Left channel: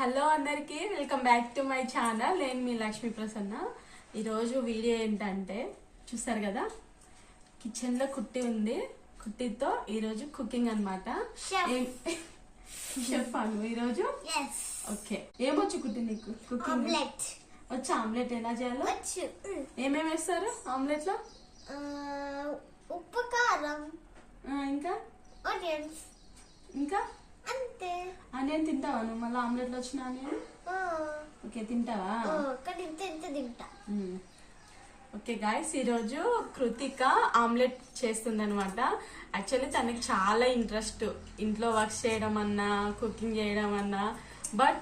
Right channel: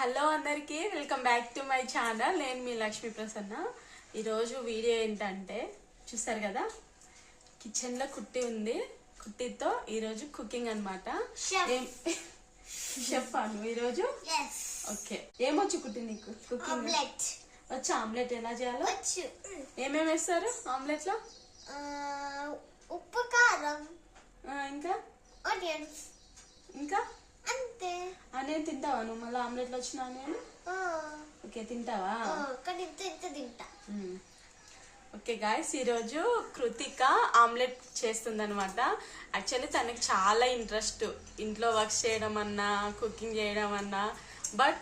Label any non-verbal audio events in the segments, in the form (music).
Hello అందరికి welcome back to my channel. నేను మీ లక్ష్మీ ప్రసన్న. ఈరోజు వీడియో ఏంటంటే చూసారు కదా? కిచెన్లో కుట్టి ఉంది. కుట్టితో ఈరోజు కుకింగ్ అనమాట. చెప్పాను ఈరోజు? ఓకే. ఏమొచ్చు కుట్టి నీకు? కుకింగ్. వచ్చి ఆమ్లెట్. ఎలా చేయాలో? ఏమేమి వేస్తారు ఆమ్లెట్లో ఉప్పు కారం. ఇంకా? ఇంకా? ఆనియన్ తింటావా? నువ్వు మళ్ళీ ఆమ్లెట్లో వచ్చిన ఆ, ఓకే తింటావా? ఆ, కానీ ఇంత ఇంత తింటా. ఓకే గాయస్ ఈరోజు కృతిక ఆమ్లెట్ చేస్తుంది అనమాట యాక్చువల్లీ తనకి చాలా ఇంట్రెస్ట్. ఇంట్లో వర్క్స్ చేయడం అన్నా కుకింగ్ చేయడం అన్నా. బట్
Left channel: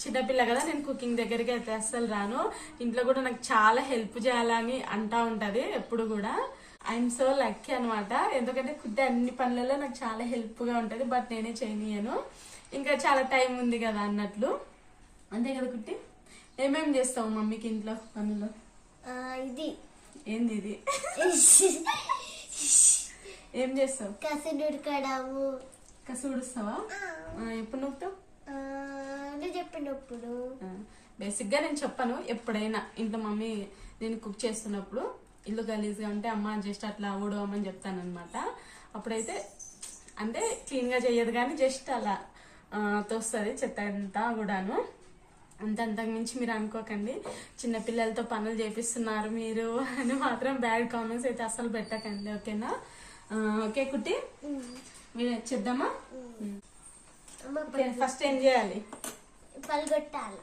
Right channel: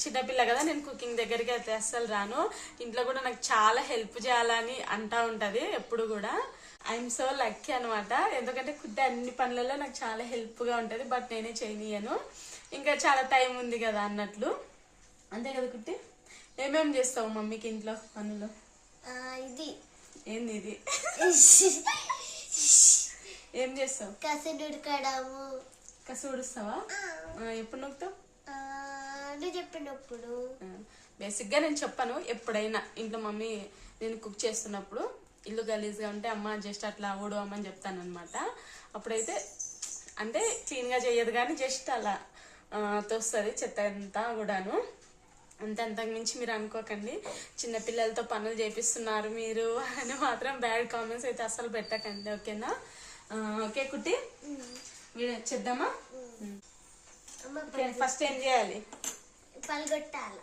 చిన్నపిల్ల కదా నేను కుకింగ్ దగ్గరికి అయితే అస్సలు రాను. ఇంట్లో కూడా నాకు చాలా హెల్ప్ చేయాలని అంటా ఉంటది ఎప్పుడు కూడా. ఐఎమ్ సో లక్కీ అనమాట ఎందుకంటే కుట్టి అన్ని పనులలో నాకు చాలా హెల్ప్గా ఉంటుంది బట్ నేనే చేయనియను. ఇంకా చాలా టైం ఉంది కదా అన్నట్లు. అంతే కదా కుట్టి? ఏమేం చేస్తావు మమ్మీకి ఇంట్లో పనులు? ఇది. ఏంది ఇది? ఏం చేస్తావు? కసలు ఉడకడము కసు ఉడుస్తావా ఆ, ఎప్పుడు నొక్కుతావు? నువ్వు చెప్పినప్పుడు బేసిక్గా నేను చెప్పను ఎప్పుడైనా. ఇంట్లో మమ్మీ నేను కుక్ చేస్తున్నప్పుడు. ఇల్లు గలీజ్గా ఉంటే అమ్మ జస్ట్ అట్లా ఊడవమని చెప్తాను అనమాట అప్పుడైతే అంటే క్లీన్గా చేయదు కానీ జస్ట్ అలా తోస్తుంది చెత్త అంతా కూడాను. అంత అంతకు మించి మీరు అనుకోకండి. చిన్న పిల్లలతో పనులు చేపిస్తున్నారు మీరు అని మాత్రం బ్యాడ్ కామెంట్స్ అయితే అస్సలు పెట్టకండి ఓకేనా? ఓకే కుట్టి? మీరు చేద్దామా? ఫస్ట్ ఏం చేయాలి? పలగొట్టాల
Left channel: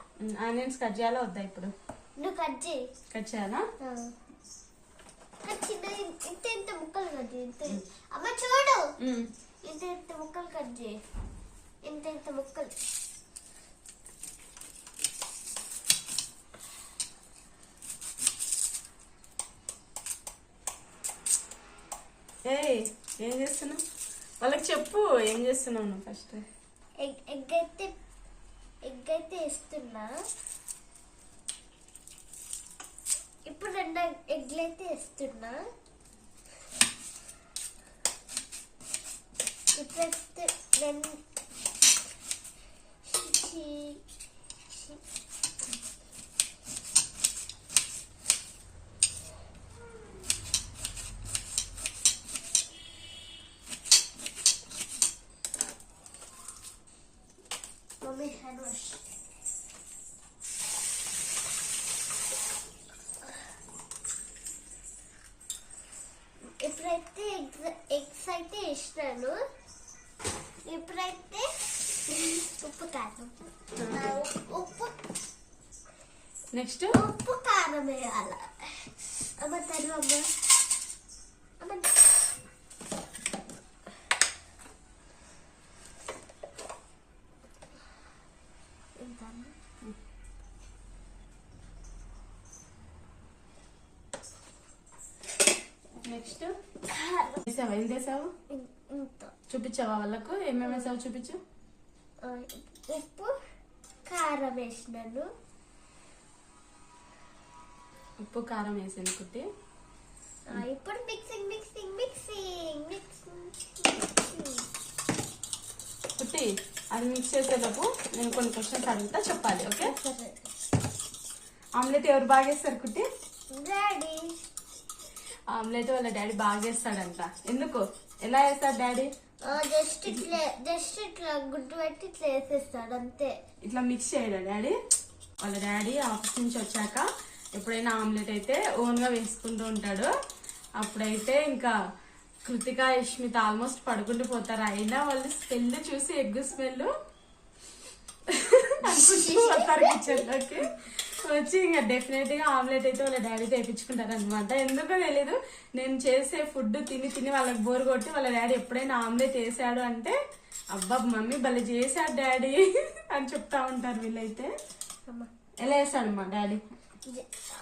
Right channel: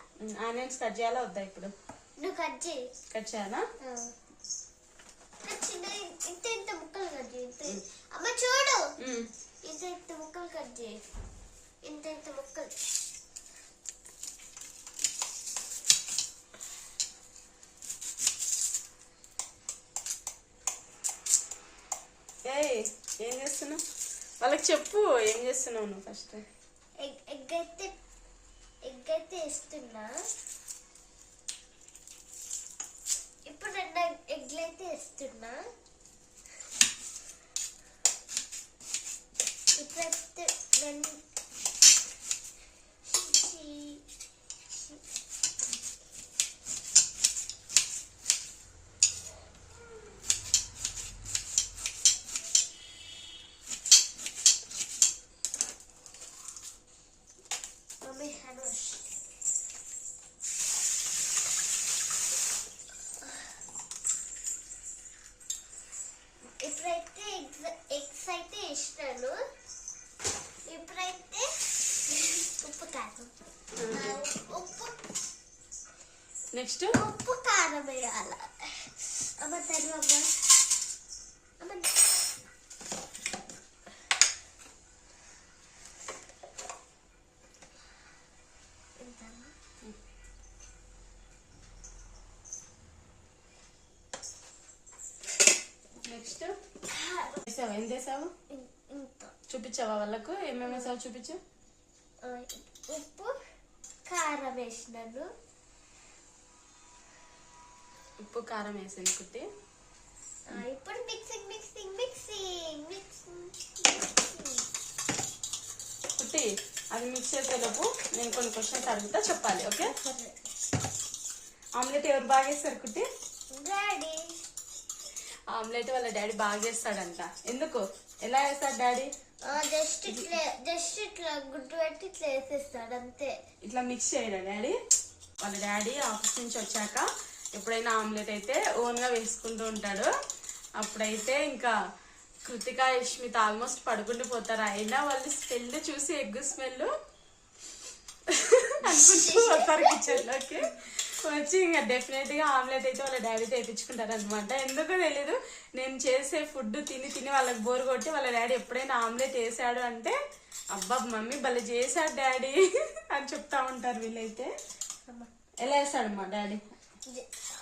ఆనియన్స్ కట్ చేయాలా వద్దా ఇప్పుడు? నువ్వు కట్ చేయి. కట్ చేయాలా? ఇంత ఇంత ముక్కలు కట్ చేయి అమ్మ చూడు. ఇంత ఇంత ముక్కలు కట్ చేయి. ఇంత ఇంత ముక్కలు. ఏం చేస్తున్నావు? వాళ్ళకి చెప్పు ఏం చేస్తున్నావు నువ్వు ఫస్ట్ ఎగ్ ఎగ్ అయితే ఎగ్ అయితే వేస్తున్నా. ఇప్పుడు రెండు ఎగ్లు అయితే వేస్తున్నా. ఇప్పుడైతే రెండు షీ- షీ- మమ్మీ హ్యాండ్ వాష్ ఇప్పుడైతే ఉప్పు కారం ఉప్పు నెక్స్ట్? ఉప్పు కారం వేయాల. అమ్మ తను అమ్మ నెక్స్ట్? వేసావా ఏం చేసావు? చూపించావా వాళ్ళకు? ఏమేమి వేసావు చూపించు. ఉప్పు కారం వేసినాను. ఉప్పు కారం వేసాను కుట్టి. ఇప్పుడు మిక్సింగ్ మిక్సింగ్ మిక్సింగ్ మిక్సింగ్ కుట్టి అది మిక్స్ చేసేలోపు నేను కొన్ని క్వశ్చన్స్ అడుగుతా చెప్పాలి ఓకే? ఆమ్లెట్ ఎవరు బాగా వేస్తారు కుట్టి? డాడీ. ఆమ్లెట్ వాళ్ళ డాడీ బాగా చేస్తాడంట. ఎందుకు? ఎలా వేస్తాడు డాడీ? జస్ట్ ఇట్లా జస్ట్ ఇట్లా గుడ్డు పెట్టి ఇట్లా వేసేస్తాడు అంతే. ఇట్లా మిక్స్ చేయడా డాడీ? వాళ్ళ డాడీ ఆఫీస్ నుంచి వచ్చాక ఎప్పుడైనా ఆమ్లెట్ అయితే ఓన్గా వేసుకుంటూ ఉంటాడు. అప్పుడైతే ఇంకా కృతిక యష్మిత ఆల్మోస్ట్ పడుకుంటూ పోతారు. అయినా వాళ్ళు స్మెల్ చూసి ఎగ్గు స్మెల్ అనుకుంటూ వస్తారు కిచెన్లోకి. వచ్చి ఇంకా డెఫినెట్గా ఆమ్లెట్ అయితే వాళ్ళ డాడీ తెప్పించుకుంటారు అనమాట ఎందుకో తెలీదు. నేను చేసే ఫుడ్ తిని తిని వాళ్ళకి బోర్ కొట్టి వాళ్ళ డాడీ ఎప్పుడైనా ఆమ్లెట్ వేసాడు అంటే అబ్బా మమ్మీ భలే చేశాడు డాడీ (laughs) అని చెప్తా ఉంటారు వీళ్ళైతే. అమ్మ. ఎలా వేసాడు మా డాడీ?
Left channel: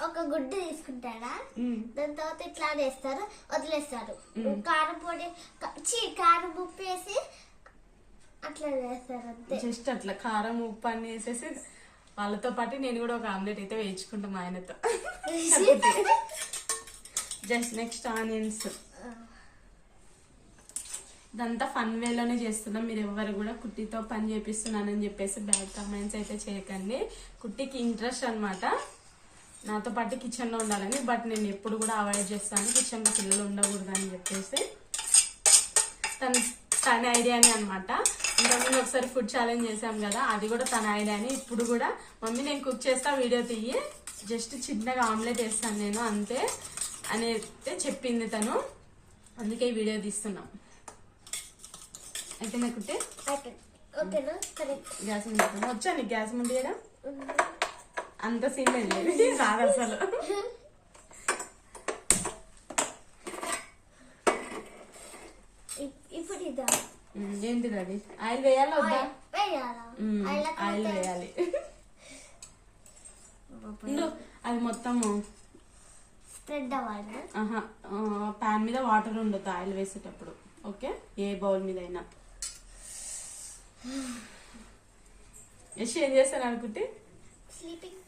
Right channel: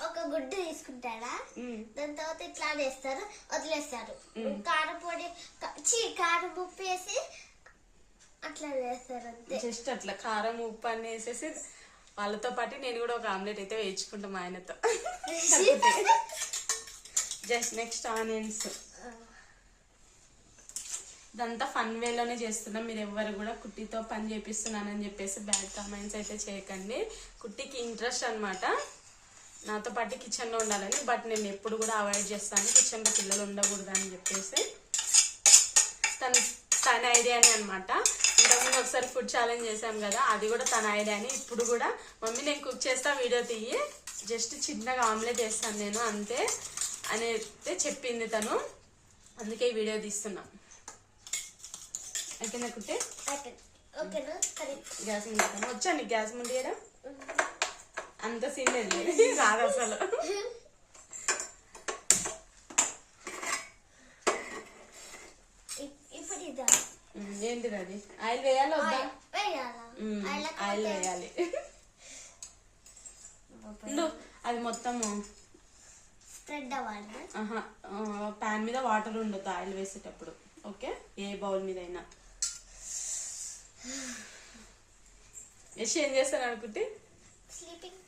ఒక గుడ్డు తీసుకుంటాడా. దాని తర్వాత ఇట్లా వేస్తారు వదిలేస్తారు. కారం పొడి చీ కారం ఉప్పు వేసి అట్లా వేస్తారు అంతే. జస్ట్ అట్లా కారం ఉప్పు అన్ని వేసేసి వాళ్ళతో పాటు నేను కూడా ఒక ఆమ్లెట్ అయితే వేయించుకుంటాం మా ఆయనతో. Just next onions. ఇదంతా ఫన్ వేలోనే చేస్తున్నాం. మీరు ఎవరు కూడా కుట్టితో పని చేపిస్తున్నానని చెప్పేసి బ్యాడ్ కామెంట్స్ అయితే చేయకండి. కుట్టికి ఇంట్రెస్ట్ అనమాట నాతో పాటు కిచెన్లో ఉండాలని బట్ నేను ఎప్పుడు కూడా అవాయిడ్ చేస్తాను. కిచెన్లో పిల్లలు ఉండకూడదు అని చెప్పేసి. తను తన ఐడియానే అనమాట ఇంతకుముందు ఒకసారి ఫుడ్ ఛాలెంజ్ చేశాం కదా అది కూడా తన ఐడియానే ఇప్పుడు కూడా మమ్మీ నేను కుక్ చేస్తా వీడియో తీయి. జస్ట్ చిన్నగా ఆమ్లెట్ వేస్తాను నేను అంతే అని అయితే చెప్పింది తను. అందుకే వీడియో తీస్తున్నాం. అయితే నాకుంటే కరెక్ట్ గ్యాస్ ముందు వచ్చా నీకు గ్యాస్ ముందు అంత సీన్ లేదు. (laughs) రాదు అసలు (laughs) ఇప్పుడు ఇదా ఉమ్, ఏంటిది అది ఆయిల్ వేయాలా వద్దా? ఆయిల్ వేయాలి? అది మొత్తము. స్ప్రెడ్ అవ్వాలి. ప్యాన్ మీద వాటర్ ఉండదు ఆయిల్ వేసేటప్పుడు. ఓకే? ఏ బౌల్ మీద అయినా యశ్ ఏం చేస్తాను అనుకుంటే? స్లీపింగ్.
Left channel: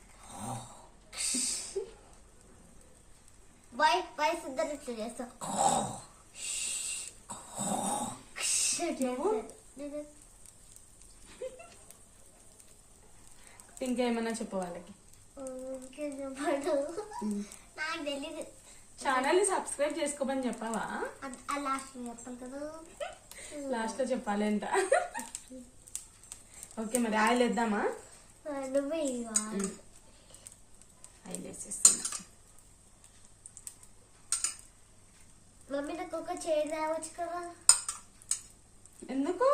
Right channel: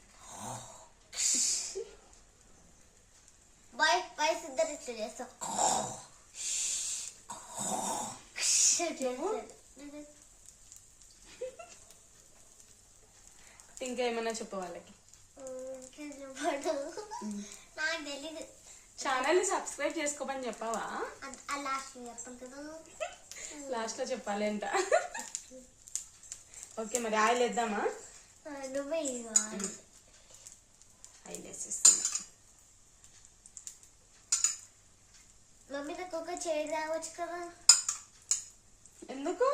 బాయ్ బాయ్స్ ఇద్దరు ఇట్లా ఇంకా ఏమన్నా చెప్పు వాళ్ళకి నాకు తెలీదు ఛానల్ సబ్స్క్రైబ్ చేసుకోమని చెప్పావా లాస్ట్ చెప్పాలి కదా లాస్ట్లో చెప్పాలి ఎంత ఓకే మరి ఆయిల్ వేద్దామా ఆ, నువ్వే ఇవ్వాలి ఆయిల్ వేసేస్తున్నా మమ్మీ నాకు ఒక చైర్ రావచ్చు కదా ఎందుకు?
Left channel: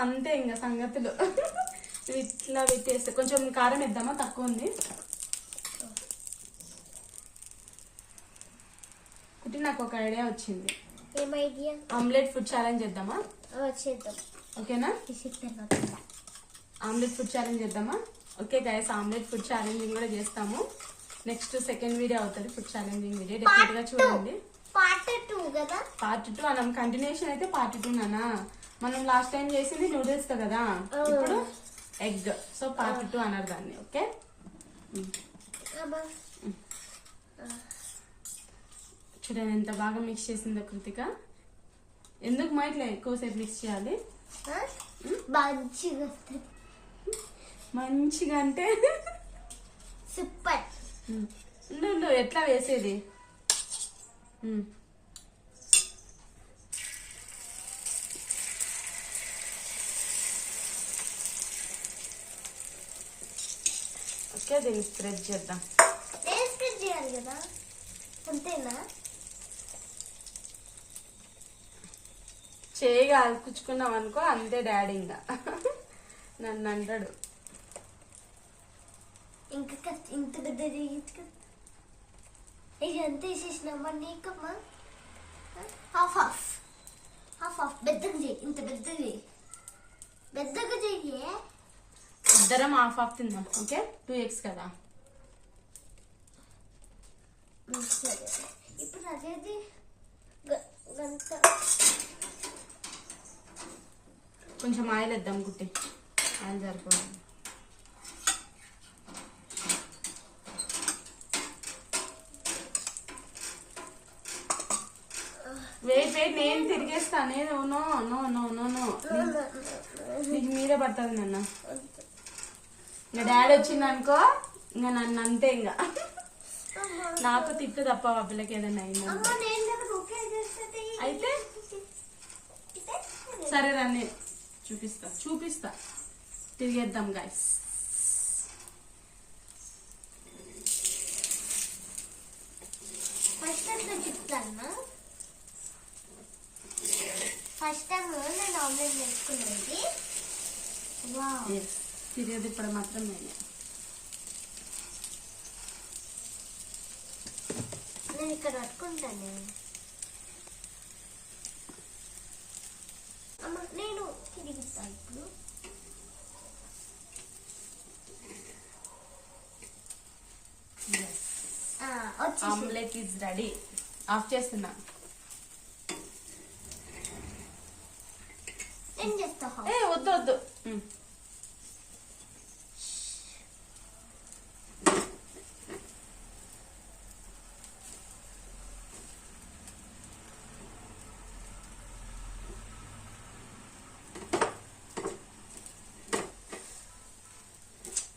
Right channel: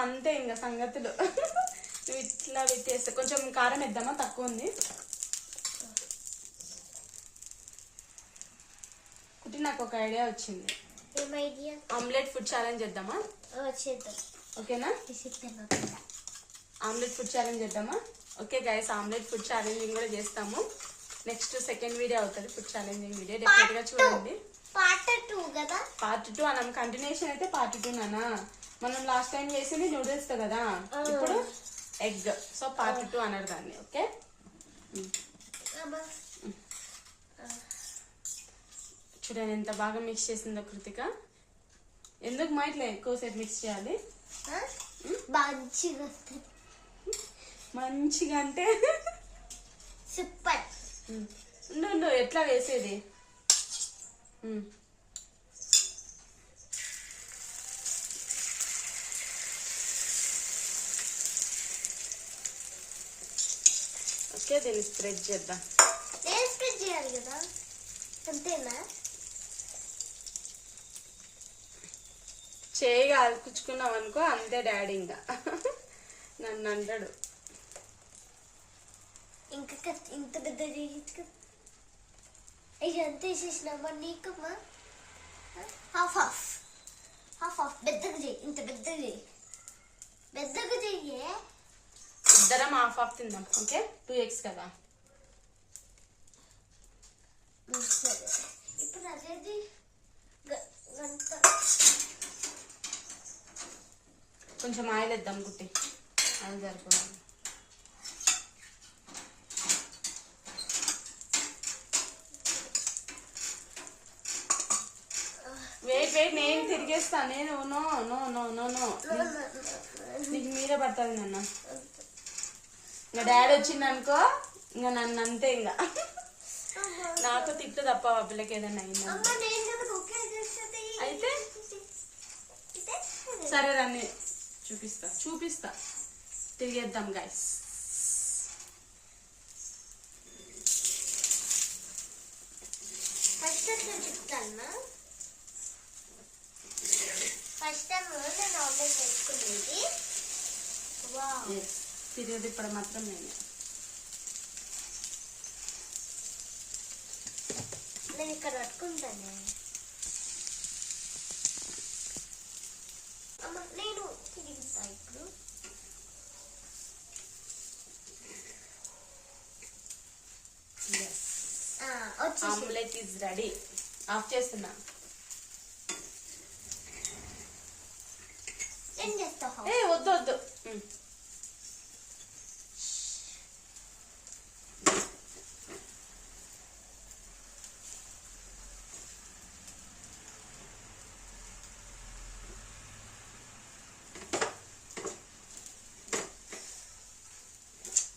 అంతే ఇంకా సంగతులు. (laughs) ఇట్లా పెట్టేస్తే కొంచెం కారం వేద్దామా? తక్కువ ఉంది. కుట్టి నాకు ఒక ఐడియా వచ్చింది. ఆమ్లెట్ ఫుడ్ ఛాలెంజ్ చేద్దామా? చేద్దాం. ఓకేనా? ఆమ్లెట్ ఫుడ్ ఛాలెంజ్ చేద్దామా? Okay guys omelette food challenging కూడా చేస్తాము. నెక్స్ట్ సెకండ్ వీడియో అవుతుంది ఫుడ్ ఛాలెంజింగ్ వీడియో. డెఫినెట్గా చూడండి. పార్ట్ టూ కదా? పార్ట్ టూ అనం కంటిన్యూషన్ అయితే పార్ట్ టూ నానా? మనం లాస్ట్ టైం చేసింది నూడిల్స్ కదా? ఇప్పుడు ఎగ్ సో పార్ట్ టూ అన్నారు దాన్ని. ఓకే చూడండి ఎంత బాగా మిక్స్ చేసిందో కృతిక. ఎందుకు మా ఇట్లా ఎక్కువసేపు మిక్స్ చేయాలి? మంచిగా మంచిగా అంటే? సూపర్ ఎట్లా వేసేది. ఓకే దీన్ని స్ప్రెడ్ చేద్దాం. స్ప్రెడ్ చేయాలి కదా? అంతేనా? చేయి కాల్చుకున్నాం అనుకో అంతే డాడీ ఇంకా. నన్ను అంటాడు. ఇంకా కష్ట- ఇంత పెద్ద ఇది ఎంత వేసేసినామా నీకమ్మా హాఫ్ హాఫ్ హాఫ్ హాఫ్ పెద్దగా చెయ్యి ఇంత పెద్దగా చెయ్యి పెద్దగా చెయ్యి ఇద్దరం హాఫ్ హాఫ్ తిందాం ఓకే టూ ఎక్స్ కదా సరే ఇప్పుడు అదేది గంట కొంచెం ఆయిల్ వేద్దాం గుట్టి ఆయిల్ సరిపోతుంది వెయిట్ నేను తిరిగేస్తా నేను no no no no no. నీకు మీదే పడుతుంది నన్న. ఇంకా డాడీ వచ్చింది అనుకో ఇంకా నన్ను అంతే ఇంకా. నాకు తిట్టు తప్ప ఆ పిల్లకి ఏదన్నా అయిందా? అయితే? సరే రాని చూపిస్తా చూపిస్తా. తిరిగేద్దాం గైస్ ఫస్ట్ టైం నేను చెప్తాను? ఫస్ట్ టైం నేను ఆమ్లెట్ వేసుకునేది. వా ఎస్ తిరిగేది ఇప్పుడు మాత్రం నేనే. నేను ఇక్కడ పట్టుకుంటాను. అమ్మ నేను ఇప్పుడు. ఆమ్లెట్ ఈజ్ రెడీ ఆఫ్ చేస్తున్నా. వద్దు వద్దు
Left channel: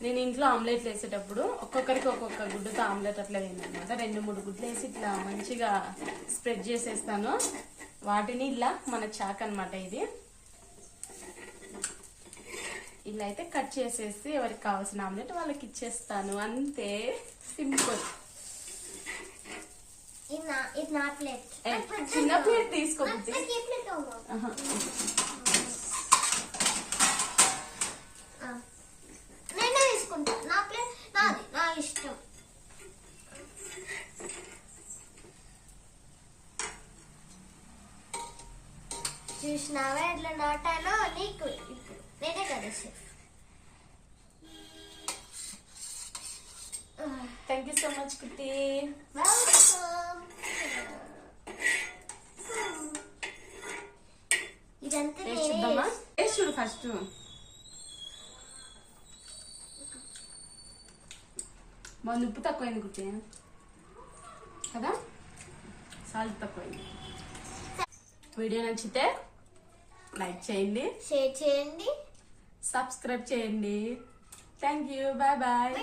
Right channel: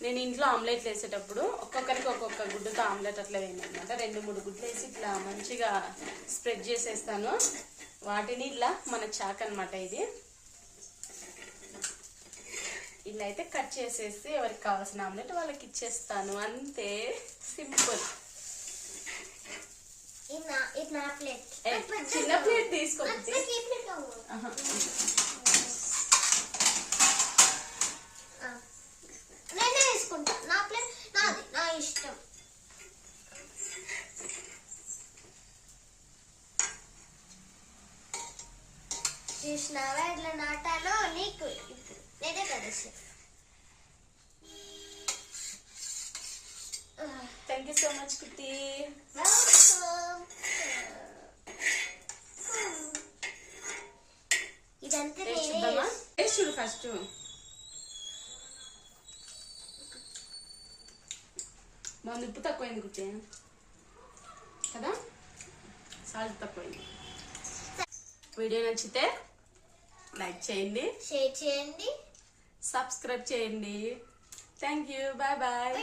నేను ఇంట్లో ఆమ్లెట్ వేసేటప్పుడు ఒక్కొక్కరికి ఒక్కొక్క గుడ్డుతో ఆమ్లెట్ అట్లా వేయనమాట రెండు మూడు గుడ్లు వేసి ఇట్లా మంచిగా స్ప్రెడ్ చేసేస్తాను. వాటిని ఇట్లా మన చాక్ అనమాట ఇది. ఇలా అయితే కట్ చేసేసి ఎవరికి కావాల్సిన ఆమ్లెట్ వాళ్ళకి ఇచ్చేస్తాను అంతే సింపుల్ చిన్న ప్లేట్ తీసుకో బుద్ధి. నాకు ఈ ప్లేట్ కావాలి. ఆహా. ఆ. నేనే తీసుకుంటా నా ప్లేట్ నాది నా ఇష్టం చూసినావా ఎట్లా నాటాలో నీకు ఇప్పుడు నేనే కదా chef thank you so much కుట్టి వెల్కమ్ ఇదంతా టేస్ట్ నేనే చూద్దామా టేస్ట్ చూడు ఫస్ట్ బాగుంది ఉప్పు తక్కువైంది కుట్టి కదా సాల్ట్ తక్కువైంది వీడియో నచ్చితే లైక్ చేయండి షేర్ చేయండి సబ్స్క్రైబ్ చేయండి. Thank you bye bye